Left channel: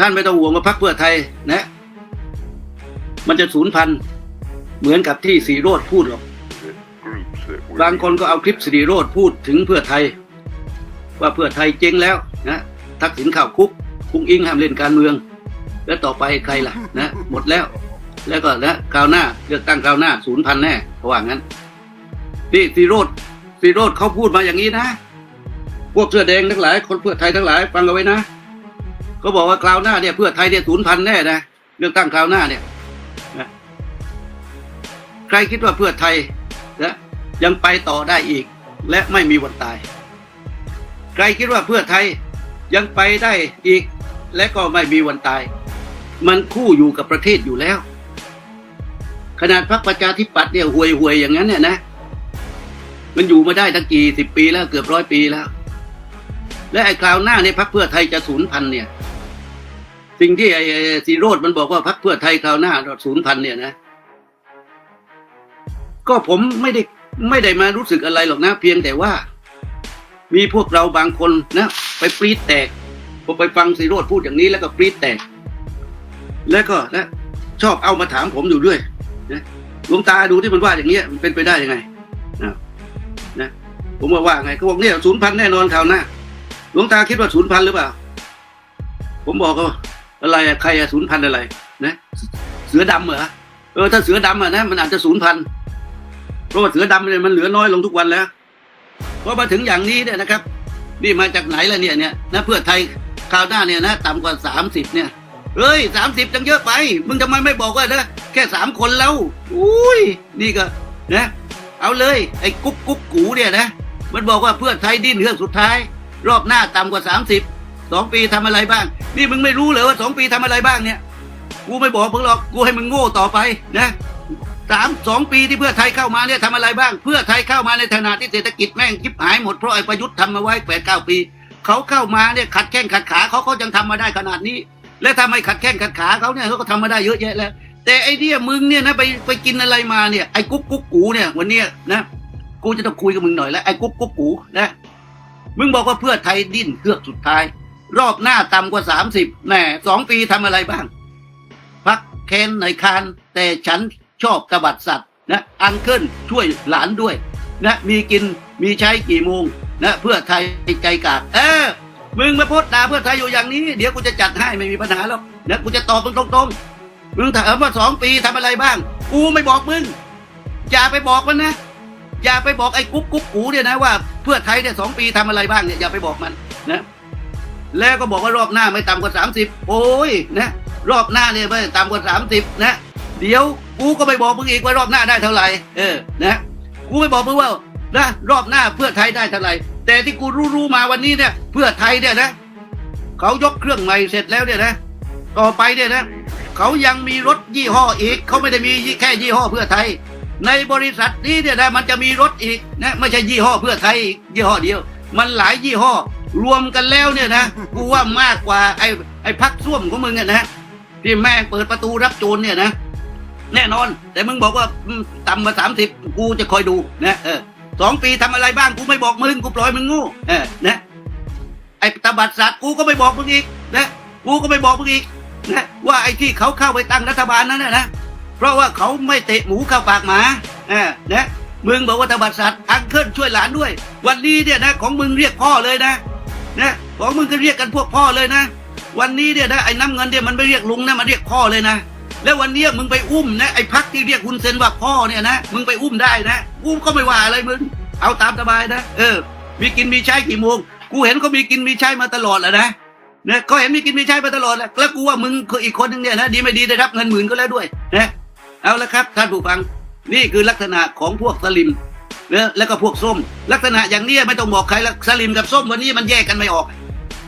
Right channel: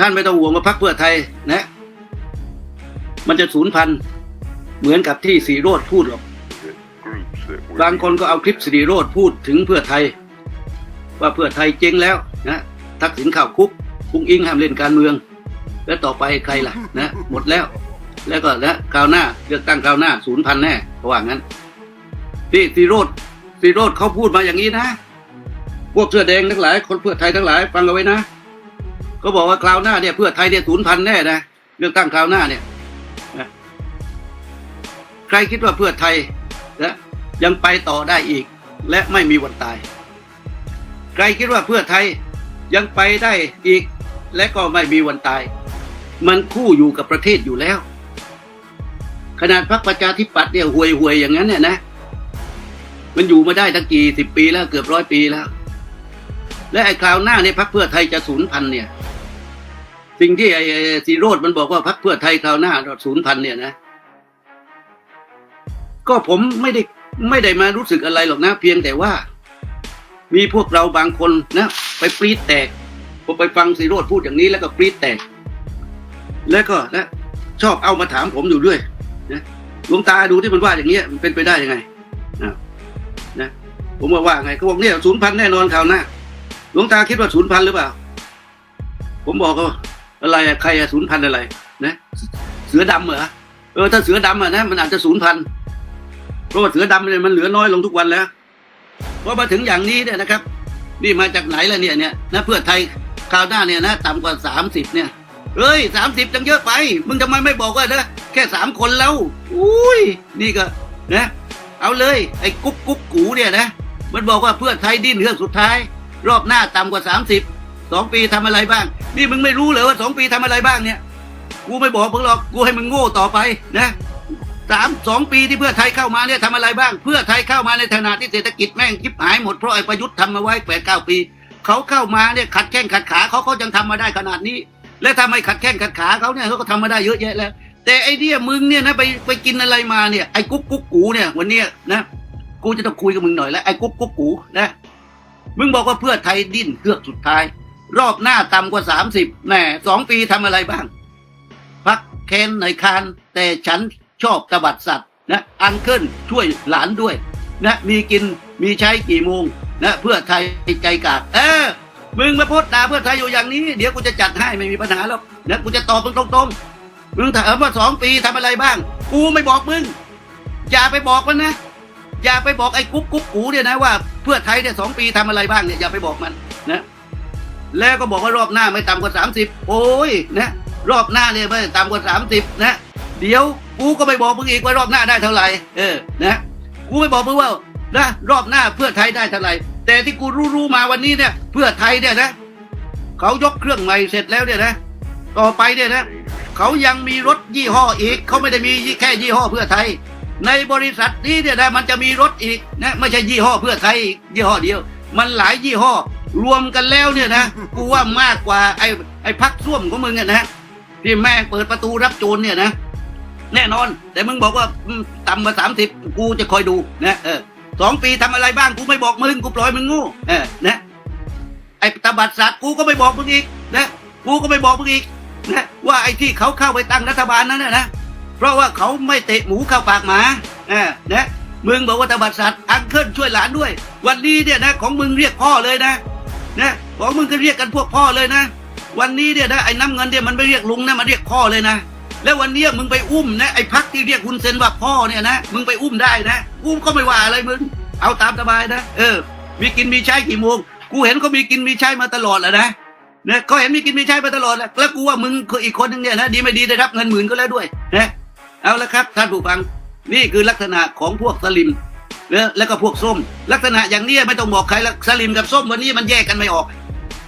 ท่านไม่ต้องห่วงว่าพรรคเพื่อไทยนะ มันจะสูญพันธุ์เหมือนกับที่สีโรดพูดหรอก groups that were บางคนก็เอาคลิปสีโรดพูดถึงเพื่อไทย ว่าเพื่อไทยเจ๊งแล้วนะทักษิณเข้าคุกคุงอิงห้ามเล่นการเมือง แล้วต่อไปใครล่ะนะหมดแล้ว แล้วก็แล้วคราวหน้าจะตั้งคราวหน้าศูนย์พันแน่ว่างั้นนี่สีโรดสีโรดเขาพูดมาอย่างนี้นะ พวกเสื้อแดงทั้งหลาย คนเพื่อไทยทั้งหลาย ฟังเอาไว้นะ เขาบอกว่าคราวหน้าเนี่ยเพื่อไทยเนี่ยศูนย์พันแน่นะเลือกตั้งคราวหน้าเนี่ยนะใครคิดว่าเพื่อไทยนะยังไปต่อได้อีก และไม่มีวันตาย ใครคิดว่าเพื่อไทยยังไปได้อีก และก็ไม่มีวันตาย มันคู่อยู่กับประเทศอยู่แล้ว ขนาดพรรคประชาธิปัตย์เนี่ยอวยอวยๆอย่างนั้นเนี่ยนะมันอยู่มาได้ตั้งกี่สิบปีแล้วเกือบร้อยปีแล้ว และไอ้คราวหน้าเนี่ยพรรคเพื่อไทยจะสูญพันธุ์เนี่ย สิ่งที่ไอ้สีโรดมันบอกว่าพรรคเพื่อไทยคราวหน้าสูญพันธุ์เนี่ยนะ ก็ผมไม่ได้ไม่ได้มารู้สึกอะไรหรอกนะ เพียงแต่ว่า มีพวกเราบางคนนะไปปรีดแตกผมไปฟังสีโรดพูดอย่างนี้แล้วก็ปรีดแตก แล้วก็นะชอบเอามาถามผมอยู่ด้วยนะดวงตาดูที่มันว่าอย่างเงี้ยมันเป็นไปได้ยังไงอะนะผมว่าว่าไงเขาบอกเนี่ยศูนย์พันแน่นอนคราวหน้า ดวงตาคิดว่าศูนย์พันหรือเปล่า ผมบอกว่าอะไรใครอะศูนย์พันอะไร นะ เสือดำเหรอเออถ้าเสือดำอะนะมันอาจจะศูนย์พันเพราะเสือดำเนี่ยมันเหลือน้อยลงทุกวันแล้วพอมาถึงอย่างนี้เนี่ยนะครับนี่มาจากไหนล่ะเนี่ยเนี่ยนะเพื่อไทยคราวหน้าเนี่ยนะต่ำกว่าสามสิบเนี่ยเฮ้ยสามสิบจังเยอะไปมึงทำไมไม่บอกว่านะแค่สามคนแล้วอุ้ยนี่ก็นะเอาเลยไอ้กุ๊บกุ๊บกูเนี่ยนะมันบอกว่าเพื่อไทยดิ้นเรื่องสุดท้าย รอบหน้าต่ำกว่าสามสิบสองปีทำอะไรบ้าง นี่มึงไม่รู้เลยว่าสองปีทำอะไรบ้างเนี่ย กูไม่บอกมึงหรอก กูให้มึงโง่ต่อไปนะสามสองปีที่เพื่อไทยเข้ามาเนี่ยทำอะไรบ้าง เพื่อไทยเข้ามาในขณะที่เศรษฐกิจแม่งคิบหายหมดเพราะไอ้ประยุทธ์ทำมาไว้แปดเก้าปีเขาเข้ามาเนี่ยขัดแข้งขัดขาเขาก็จะทำมาได้ขนาดนี้ และถ้าไม่ขัดแข้งขัดขาเขาเนี่ยเขาก็ทำมาได้เยอะแยะแล้ว แต่ไอ้เนี่ยมึงเนี่ยนะไปไปกินอะไรมาเนี่ยไอ้กุ๊กกุ๊กกูเนี่ยวันเนี้ยนะกูจะต้องคุยกับมึงหน่อยแล้วไอ้กุ๊กกุ๊กกูนะ มึงบอกว่าเพื่อไทยดิ้นเพื่อสุดท้าย รอบหน้าต่ำกว่าสามสิบแน่สองปีทำอะไรบ้างพักเคนในคานแต่ฉันชอบตบัดสัตว์นะอันเคิลช่วยหลานด้วย และมีกินมีใช้กี่โมงนะเพื่อไทยติดใจกากเอ๊มึงมาพสต์ด่าเพื่อไทยอยู่อย่างนี้ เดี๋ยวกูจะจัดให้ไม่มีปัญหาแล้วเดี๋ยวกูจะตอบมึงตรงๆมึงถามว่าสองปีทำอะไรบ้าง กูไม่บอกมึงอย่าไปบอกมันนะ อย่าไปบอกไอ้กุ๊บกุ๊บกูเนี่ยนะว่า เพื่อไทยเนี่ยสองปีทำอะไรบ้างเนี่ยอย่าไปบอกมันนะแล้วก็บอกว่ารอบหน้าไม่ต่ำกว่าสามสิบโอ้ยนะรอบหน้าเนี่ยไม่ต่ำกว่าสามสิบนะเดี๋ยวกูก็ไปบอกมึงอีกว่ารอบหน้าได้เท่าไหร่เออนะกูไม่บอกมึงว่าว่ารอบหน้าเพื่อไทยได้เท่าไหร่แต่ที่กูรู้รู้มาวันนี้เนี่ย เพื่อไทยเนี่ยนะเขายกเครื่องใหม่เสร็จแล้วเนี่ยนะต่อไปเนี่ยนะเขายังมีรถยี่ห้ออีกเขาไม่ได้มีแค่ยี่ห้อเพื่อไทย ในบริษัทนี้เนี่ยนะมันจะมีรถอีกนะไม่ใช่ยี่ห้อเพื่อไทยอีกยี่ห้อเดียว มันหลายยี่ห้อ รวมกันแล้วเนี่ยนะกูว่ามากกว่าไอ้ไอ้พักส้วมของมึงเนี่ยนะที่แม่งเปิดประตูรับโจรเนี่ยนะ แน่นอน แต่มึงบอกว่าอืมต่ำกว่าสามสิบกูจะคอยดูนะเออสองปีทำอะไรบ้างกูไม่บอกมึงกูปล่อยมึงงูเออนะไอ้ตบัดสัตว์กูก็ไม่บอกมึงอีกนะกูก็ไม่บอกมึงอีกนะว่าไอ้ที่เขาเข้าไปตั้งรัฐบาลนั้นนะนะ เพราะว่าเขาไม่เตะหมูเข้าปากหมาอ่านะมึงบอกว่าตบัดสัตว์อังเคิลช่วยหลานด้วย วันนี้เนี่ยนะของมึงเรียกพ่อเลยนะนะของมึงก็เรียกกันพวกพ่อเลยนะ วันนี้เนี่ยนะไอ้น้ำเงินเนี่ยมันไม่เรียกลุงนะมันเรียกพ่อเลยนะแล้ววันนี้มึงไปอุ้มนะไอ้พักที่เรียกคุณเซนว่าพ่อเนี่ยนะมึงไปอุ้มได้นะกูก็ไม่ว่าอะไรมึงเอาตามสบายนะเออมีกินมีใช้กี่โมงกูเห็นเขามีกินมีใช้มาตลอดเลยนะเนี่ยเขาเห็นมีกินมีใช้มาตลอดแล้วกูว่ามึงคืออีกคนหนึงเนี่ยนะดีไม่ดีได้รับเงินหมื่นก็แล้วด้วยนะ เอาละครับท่านผู้ฟังนี่คือลักษณะของพวกสลิมเออแล้วก็พวกส้ม ลักษณะอย่างนี้ไม่ต้องบอกใครละสลิมกับส้มวันนี้มันแยกกันไม่ออก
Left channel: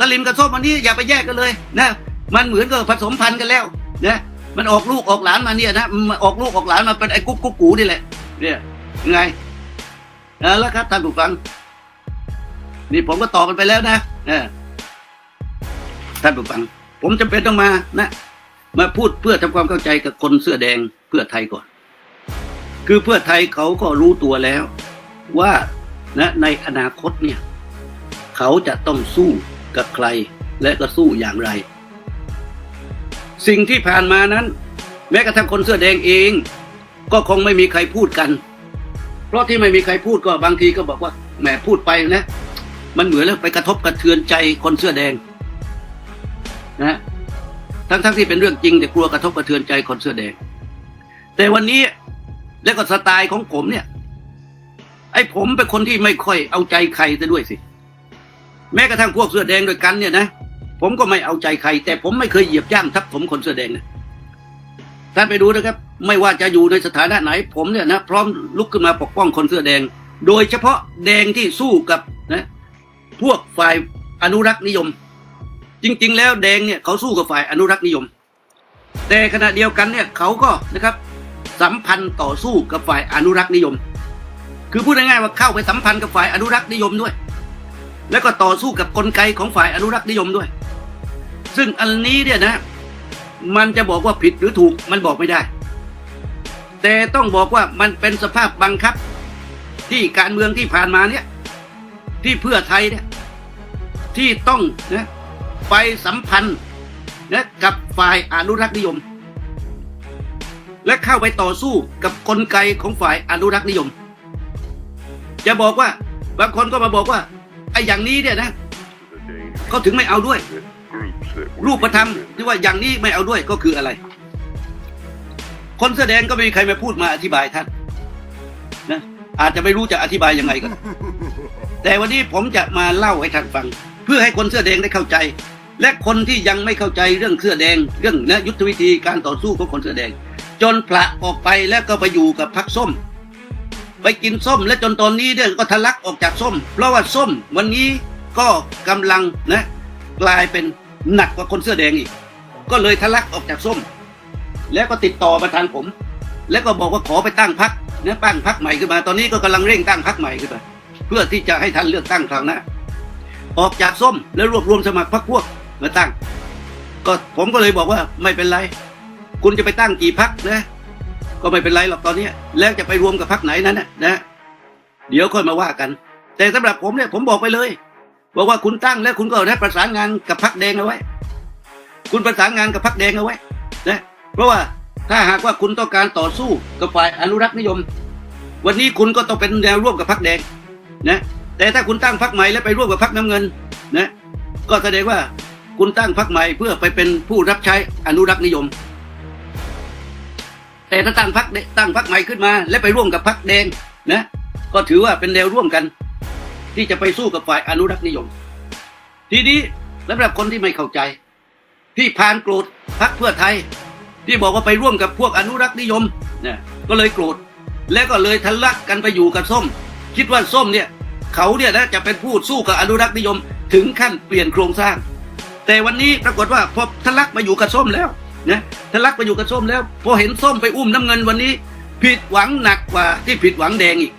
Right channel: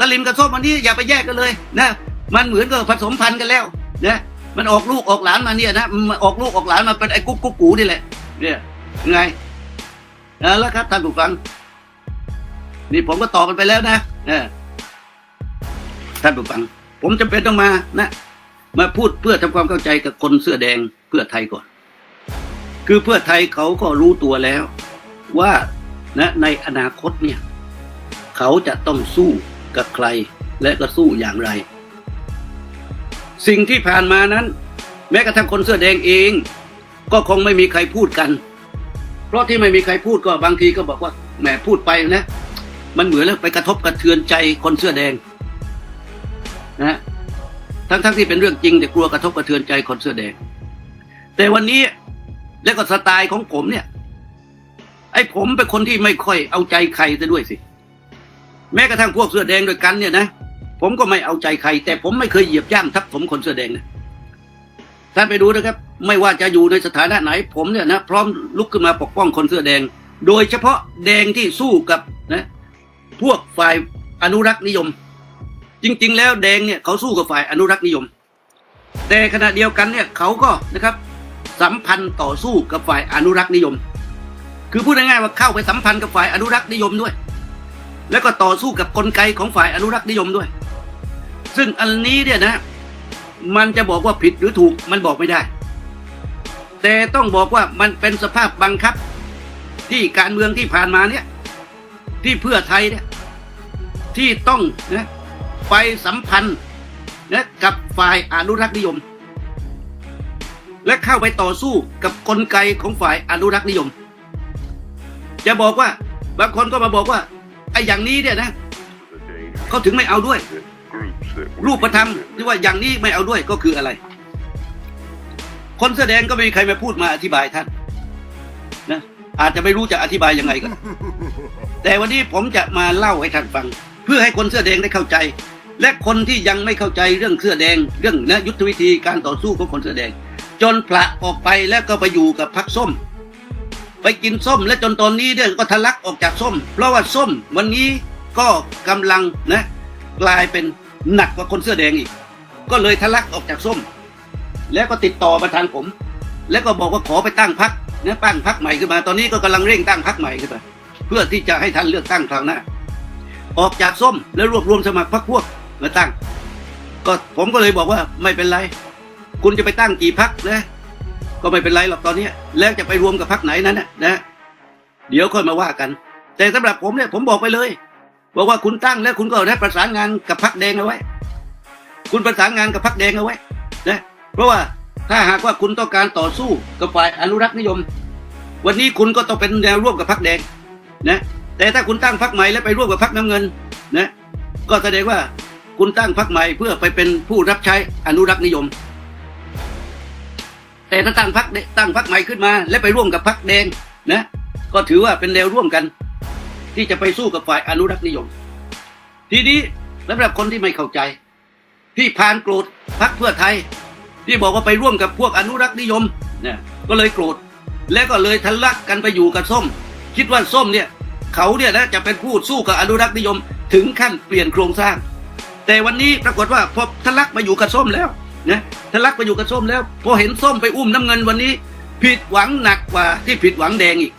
สลิมกับส้มวันนี้อย่าไปแยกกันเลยนะมันเหมือนกับผสมพันธุ์กันแล้วนะมันออกลูกออกหลานมาเนี่ยนะมันออกลูกออกหลานมาเป็นไอ้กุ๊กกุ๊กกูนี่เลยเนี่ยไงเอาละครับท่านผู้ฟังนี่ผมก็ตอบกันไปแล้วนะท่านผู้ฟัง ผมจำเป็นต้องมานะมาพูดเพื่อทำความเข้าใจกับคนเสื้อแดง เพื่อไทยก่อน คือเพื่อไทยเขาก็รู้ตัวแล้ว ว่านะในอนาคตเนี่ย เขาจะต้องสู้กับใคร และจะสู้อย่างไร สิ่งที่ผ่านมานั้นแม้กระทั่งคนเสื้อแดงเอง ก็คงไม่มีใครพูดกัน เพราะที่ไม่มีใครพูดก็บางทีก็แบบว่าแหมพูดไปนะ มันเหมือนแล้วไปกระทบกระเทือนใจคนเสื้อแดงนะทั้งทั้งๆที่เป็นเรื่องจริงแต่กลัวกระทบกระเทือนใจคนเสื้อแดง แต่วันนี้แล้วก็สไตล์ของผมเนี่ย ไอ้ผมเป็นคนที่ไม่ค่อยเอาใจใครซะด้วยสิ แม้กระทั่งพวกเสื้อแดงด้วยกันเนี่ยนะผมก็ไม่เอาใจใคร แต่ผมไม่เคยเหยียบย่างทับถมคนเสื้อแดงนะท่านไปดูนะครับ ไม่ว่าจะอยู่ในสถานะไหน ผมเนี่ยนะพร้อมลุกขึ้นมาปกป้องคนเสื้อแดง โดยเฉพาะแดงที่สู้กับนะ พวกฝ่ายอนุรักษ์นิยม จริง ๆ แล้วแดงเนี่ยเขาสู้กับฝ่ายอนุรักษ์นิยม แต่ขณะเดียวกันเนี่ยเขาก็นะครับ สัมพันธ์ต่อสู้กับฝ่ายอนุรักษ์นิยม คือพูดง่ายๆว่าเข้าไปสัมพันธ์กับฝ่ายอนุรักษ์นิยมด้วย แล้วก็ต่อสู้กับกลไกของฝ่ายอนุรักษ์นิยมด้วย ซึ่งอันนี้เนี่ยนะ มันจะบอกว่าผิดหรือถูกมันบอกไม่ได้ แต่ต้องบอกว่ามันเป็นสภาพบังคับ ที่การเมืองที่ผ่านมาเนี่ย ที่เพื่อไทยเนี่ยที่ต้องนะไปสัมพันธ์นะกับฝ่ายอนุรักษ์นิยม และเข้าไปต่อสู้กับกลไกของฝ่ายอนุรักษ์นิยม จะบอกว่าบางคนก็มาบอกว่าไอ้อย่างนี้เนี่ยนะ The danger เขาถึงไม่เอาด้วย รูปธรรม using ที่ว่าอย่างนี้ไม่เอาด้วยก็คืออะไร คนแสอแดงก็ไม่มีใครมาพูดมาอธิบายท่านนะอาจจะไม่รู้จะอธิบายยังไงก็แต่วันนี้ผมจะมาเล่าให้ท่านฟัง เพื่อให้คนเสื้อแดงได้เข้าใจ และคนที่ยังไม่เข้าใจเรื่องเสื้อแดง เรื่องและยุทธวิธีการต่อสู้ของคนเสื้อแดง จนพละออกไปแล้วก็ไปอยู่กับพักส้ม ไปกินส้มและจนตอนนี้เนี่ยก็ทะลักออกจากส้ม เพราะว่าส้มวันนี้ก็กำลังนะกลายเป็นหนักกว่าคนเสื้อแดงอีก ก็เลยทะลักออกจากส้ม แล้วก็ติดต่อมาทางผม แล้วก็บอกว่าขอไปตั้งพักเนี่ยตั้งพักใหม่ขึ้นมาตอนนี้ก็กำลังเร่งตั้งพักใหม่ขึ้นมาเพื่อที่จะให้ท่านเลือกตั้งครั้งหน้าออกจากส้มแล้วรวบรวมสมัครพรรคพวกมาตั้งก็ผมก็เลยบอกว่าไม่เป็นไร คุณจะไปตั้งกี่พักเนี่ยก็ไม่เป็นไรหรอกตอนเนี้ยแล้วจะไปรวมกับพักไหนนั้นนะนะ เดี๋ยวค่อยมาว่ากัน แต่สำหรับผมเนี่ยผมบอกไปเลยบอกว่าคุณตั้งแล้วคุณก็ได้ประสานงานกับพักแดงเอาไว้ คุณประสานงานกับพักแดงเอาไว้นะเพราะว่าถ้าหากว่าคุณต้องการต่อสู้กับฝ่ายอนุรักษ์นิยม วันนี้คุณก็ต้องเป็นแนวร่วมกับพักแดงนะแต่ถ้าคุณตั้งพักใหม่แล้วไปร่วมกับพักน้ำเงินนะก็แสดงว่าคุณตั้งพักใหม่เพื่อไปเป็นผู้รับใช้อนุรักษ์นิยม แต่ถ้าตั้งพักตั้งพักใหม่ขึ้นมา แล้วไปร่วมกับพักแดงนะ ก็ถือว่าเป็นแนวร่วมกัน ที่จะไปสู้กับฝ่ายอนุรักษ์นิยม ทีนี้สำหรับคนที่ไม่เข้าใจ ที่พานโกรธพรรคเพื่อไทย ที่บอกว่าไปร่วมกับพวกอนุรักษ์นิยมเนี่ยก็เลยโกรธแล้วก็เลยทะลักกันไปอยู่กับส้ม คิดว่าส้มเนี่ย เขาเนี่ยนะจะเป็นผู้สู้กับอนุรักษ์นิยม ถึงขั้นเปลี่ยนโครงสร้าง แต่วันนี้ปรากฏว่าพอทะลักมาอยู่กับส้มแล้ว นะทะลักมาอยู่กับส้มแล้วพอเห็นส้มไปอุ้มน้ำเงินวันนี้ ผิดหวังหนักกว่าที่ผิดหวังแดงอีก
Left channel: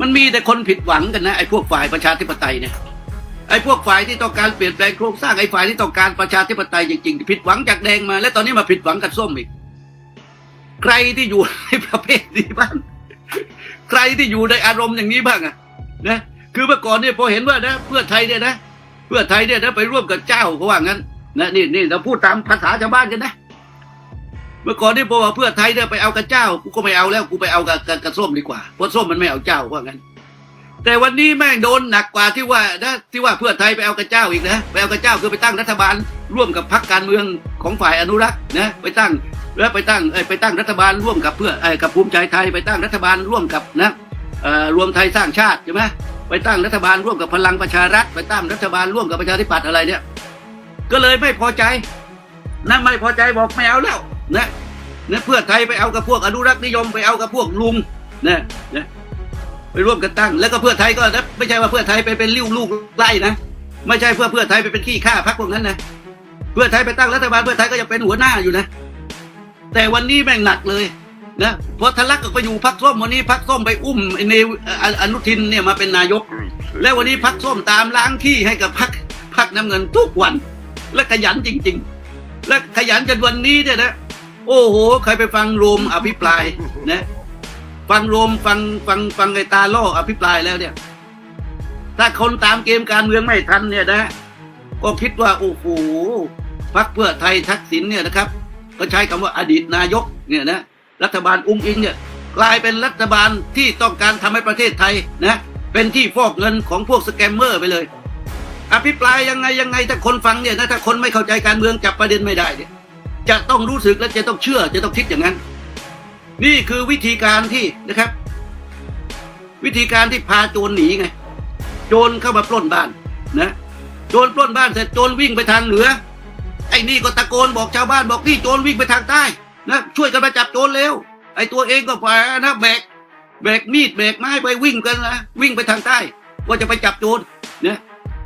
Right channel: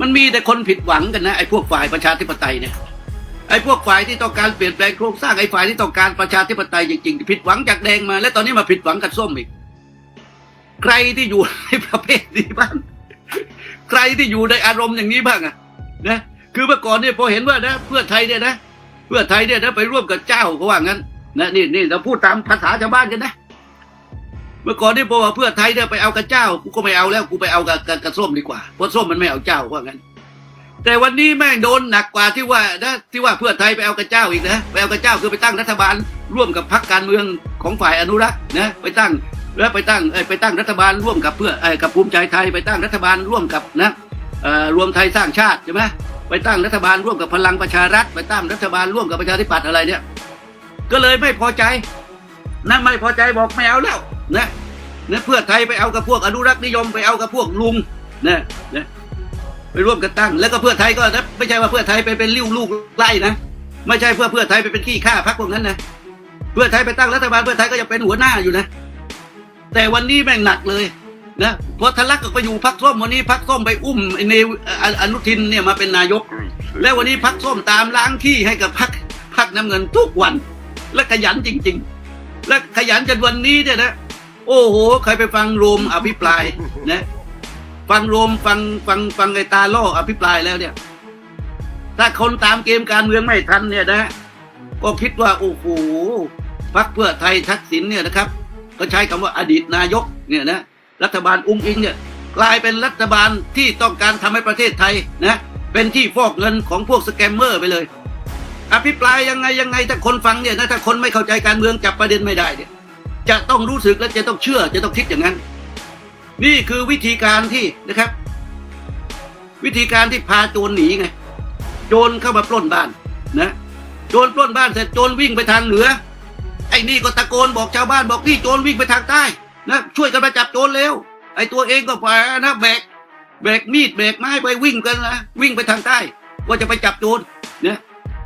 มันมีแต่คนผิดหวังกันนะไอ้พวกฝ่ายประชาธิปไตยเนี่ยไอ้พวกฝ่ายที่ต้องการเปลี่ยนแปลงโครงสร้างไอ้ฝ่ายที่ต้องการประชาธิปไตยจริงๆผิดหวังจากแดงมา แล้วตอนนี้มาผิดหวังกับส้มอีกใครที่อยู่ในประเภทนี้บ้างใครที่อยู่ในอารมณ์อย่างนี้บ้างอะนะคือเมื่อก่อนเนี่ยพอเห็นว่านะ เพื่อไทยเนี่ยนะ เพื่อไทยเนี่ยนะไปร่วมกับเจ้าเขาว่างั้น และนี่นี่เราพูดตามภาษาชาวบ้านกันนะ เมื่อก่อนนี่บอกว่าเพื่อไทยเนี่ยไปเอากับเจ้า กูก็ไม่เอาแล้ว กูไปเอากับกับกับส้มดีกว่า เพราะส้มมันไม่เอาเจ้าว่างั้น แต่วันนี้แม่งโดนหนักกว่าที่ว่านะที่ว่าเพื่อไทยไปเอากับเจ้าอีกนะ ไปเอากับเจ้าคือไปตั้งรัฐบาล ร่วมกับพรรคการเมืองของฝ่ายอนุรักษ์นะ ไปตั้งแล้วไปตั้งไปตั้งรัฐบาลร่วมกับเพื่อเอ้กับภูมิใจไทยไปตั้งรัฐบาลร่วมกับนะเอ่อรวมไทยสร้างชาติใช่ไหมไปตั้งรัฐบาลร่วมกับพลังประชารัฐ ไปตั้งรัฐบาลร่วมกับประชาธิปัตย์อะไรเนี่ย ก็เลยไม่พอใจและไม่พอใจบอกไม่เอาแล้วนะนะเพื่อไทยไปเอากับพวกอนุรักษ์นิยมไปเอากับพวกลุงนะนะไปร่วมกันตั้ง แล้วก็เพื่อไทยก็นะไม่ใช่ว่าเพื่อไทยไปเป็นลิ้วลูกไล่นะไม่ใช่เพื่อเพื่อไทยไปเป็นขี้ข้าพักพวกนั้นนะเพื่อไทยไปตั้งรัฐบาลเพื่อไทยก็ยังเป็นหัวหน้าอยู่นะแต่วันนี้แม่งหนักเลยนะพอทะลักก็ไปอยู่พักส้มวันนี้พักส้มไปอุ้มไอ้เนวอะอนุทินเนี่ยมาเป็นนายก แล้ววันนี้ were พักส้มตามล้างที่ให้กับพักพักน้ำเงินทุกวัน และขยันจริง ๆ และขยันจนวันนี้เนี่ยนะ โอ้โห ใครไปฟังโรมอภิปรายนะ ฟังโรมฟังฟังฟังไอ้ตาล่ออภิปรายแล้วเนี่ย ถ้าคนตามเกมการเมืองไม่ทันเนี่ยนะก็คิดว่าโอ้โหพรรคเพื่อไทยทักษิณเนี่ยนะครับ ก็ใช้คำว่าอดีตนายกเนี่ยนะรัฐบาลอุ้งอิงเนี่ยกลายเป็นรัฐบาลที่ต้องการทำให้ประเทศไทยนะ เป็นที่ฟอกเงินของพวกสแกมเมอร์ไปเลย อภิปรายยังไงยังไงถ้าคนฟังเนี่ยนะถ้าคนไม่เข้าใจการเมืองจับประเด็นไม่ได้เนี่ยจะต้องรู้สึกและจะต้องเชื่อ จะต้องคิดอย่างนั้น นี่คือวิธีการที่นะครับ วิธีการที่พาโจรหนีไง โจรเข้ามาปล้นบ้านนะโจรปล้นบ้านเสร็จโจรวิ่งไปทางเหนือไอ้นี่ก็ตะโกนบอกชาวบ้านบอกนี่โจรวิ่งไปทางใต้แล้วช่วยกันมาจับโจรเร็วไอ้ตัวเองก็แฝนะแบกแบกมีดแบกไม้ไปวิ่งกันนะวิ่งไปทางใต้ว่าจะไปจับโจรเนี่ย